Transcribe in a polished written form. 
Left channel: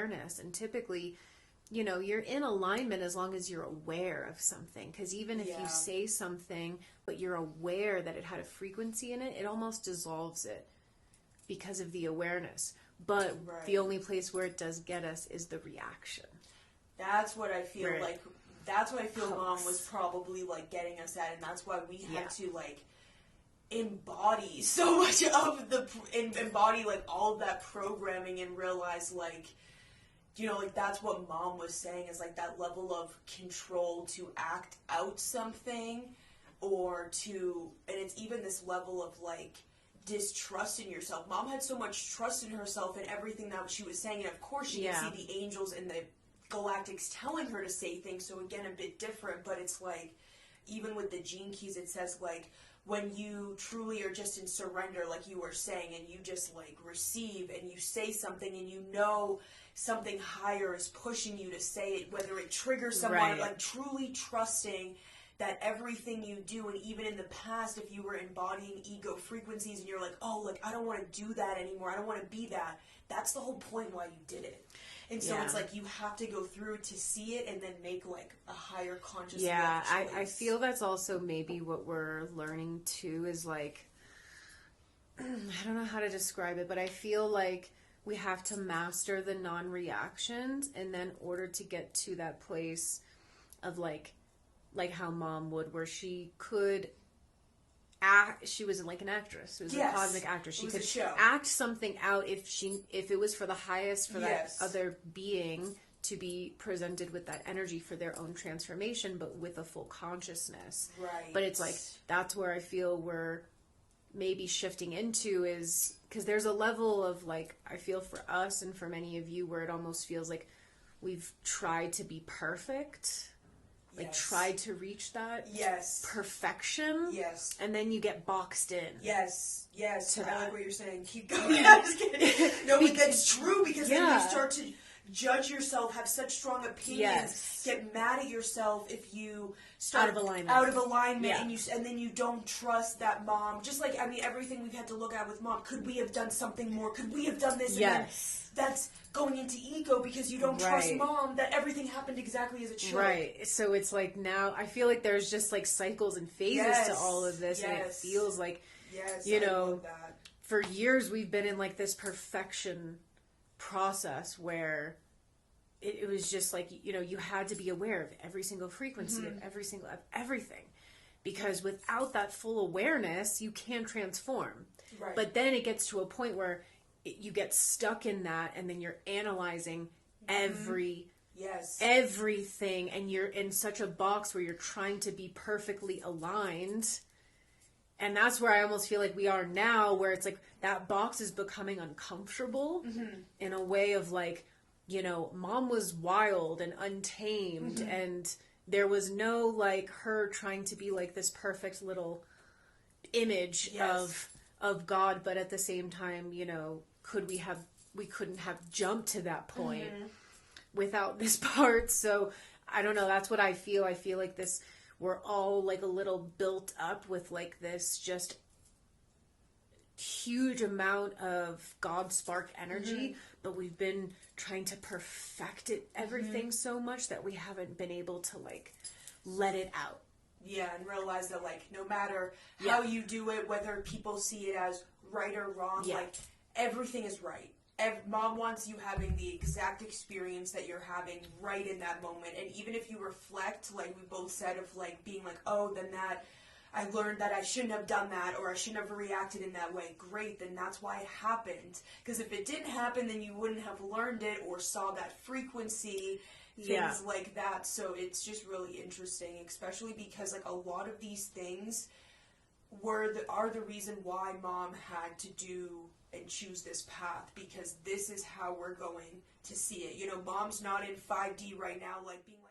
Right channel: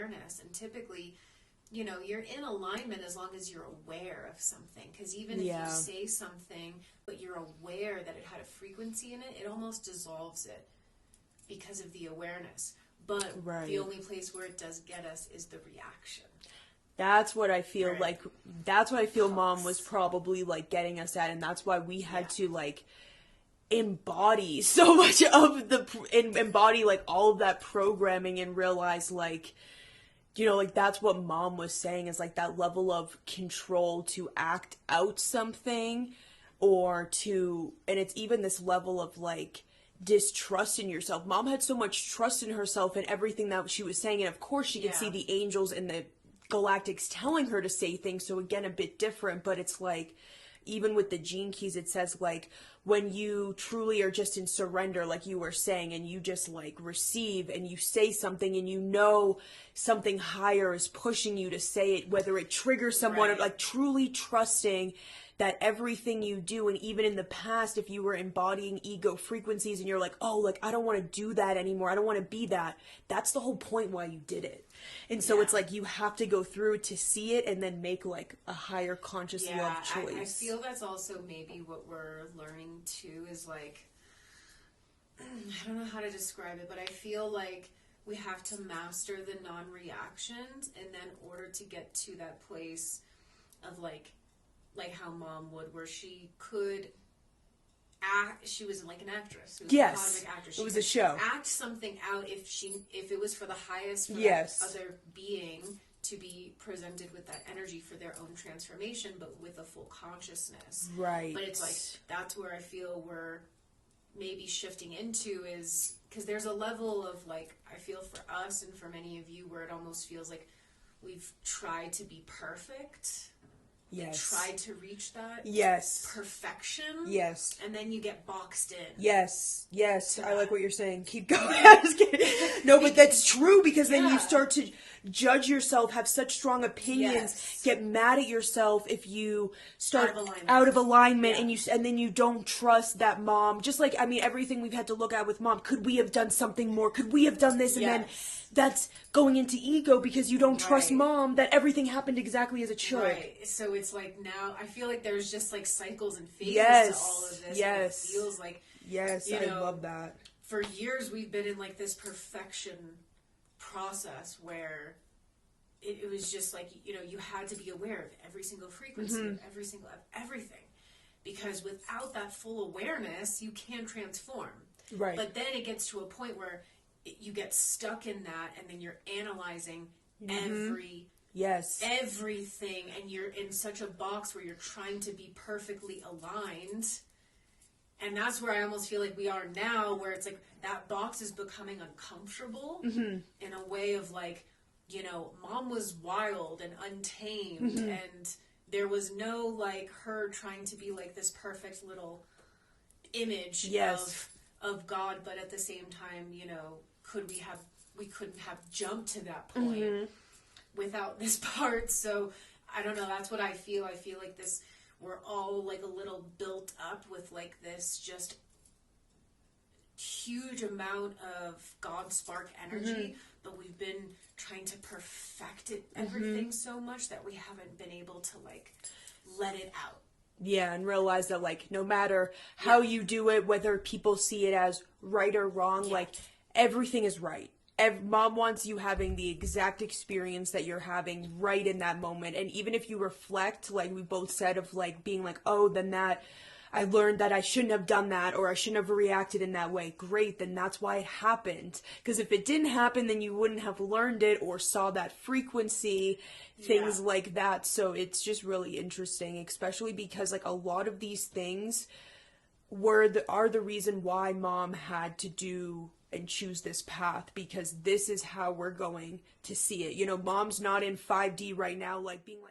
awareness. And typically, you know, you're in alignment as long as you're aware of something. Because even if you say something, but you're aware that it had a frequency in it, it almost dissolves it because of the awareness. But the only place where it does get us is the reaction. That's what I feel like. That's what I feel Mom was probably like getting us at, and that's why we had to like embody so much of embody like all of that programming and realize like, you know, like that's what Mom was saying is like that level of control to act out something or to, and it's even this level of like distrust in yourself. Mom had so much trust in herself and everything that she was saying, and of course she could see the angels and the galactics telling her to say things, so again a bit different, but it's like even with the gene keys it says like when you truly are just in surrender, like you were saying, and you just like receive and you say something and you know something higher is pushing you to say it, whether it triggers someone, like truly trusting that everything you do, and even in the past, if you were embodying ego frequencies and you're like, oh, like, I don't want to do that anymore, I don't want to be that, that's the whole point why you did it. And so it's like you have to go through to see it and then make like a higher conscious love choice. I feel that's also maybe what we're learning too is like, I don't know how to describe it, but I feel like we have to master the non-reactions, and then in order to get to that place of like how Mom would, where she could act, she was like an actress. She was a cosmic actress. She it was could a show. Act something out if it was for the highest, for that other being to be presented with that energy for their own transformation, but with a full consciousness. Right. But it's like, that's where I feel we're maybe shifting into, is because there's a level of like, I feel for us and for many of you where it almost feels like we've tried to be perfect. Like tried to reach that perfection. Yes. And then you get boxed in. Yes. I like what you're saying. Keep going. No, but that's true, because then you start to judge yourself, have such strong opinions, get mad at yourself if you start out of alignment and then you don't trust that Mom. Just like, I mean, everything we've had to look at with Mom. Could we have done something more? Could we have done this? And then that's going into ego because you don't trust Mom that everything happened exactly as it should. Right. So it's like now I feel like there's just like cycles and phases to all of this. And it feels like, you know, I love that. For years we've been in like this perfection process where it was just like, you know, you had to be aware of every single frequency, of everything. Because without that full awareness, you can't transform. Right. But then it gets to a point where you get stuck in that, and then you're analyzing everything, and you're in such a box where you're trying to be perfectly aligned. And that's where I almost feel like we are now, where it's like that box is becoming uncomfortable in a way of like, you know, Mom was wild and untamed, and there was no like her trying to be like this perfect little image of God, but at the same time, you know, we couldn't have jumped to that point without this part. So I don't know, that's what I feel. I feel like this, we're all like a little built up with like this just huge amount of God spark energy, but we've been trying to perfect everything so much that we haven't been able to like let it out. Yeah, and realize that like no matter how you do it, whether people see it as right or wrong, like everything is right. Mom wants you having the exact experience that you're having right in that moment. And even if you reflect, like we both said, of like being like, oh, then that I learned that I shouldn't have done that, or I shouldn't have reacted in that way. Great, then that's why it happened. Because if it didn't happen, then you wouldn't have learned it or saw that frequency, things like that. So it's just really interesting, especially because like a lot of these things are the reason why Mom had to do and choose this path, because this is how we're going to see it. You know, Mom's not in 5D right now, like being like,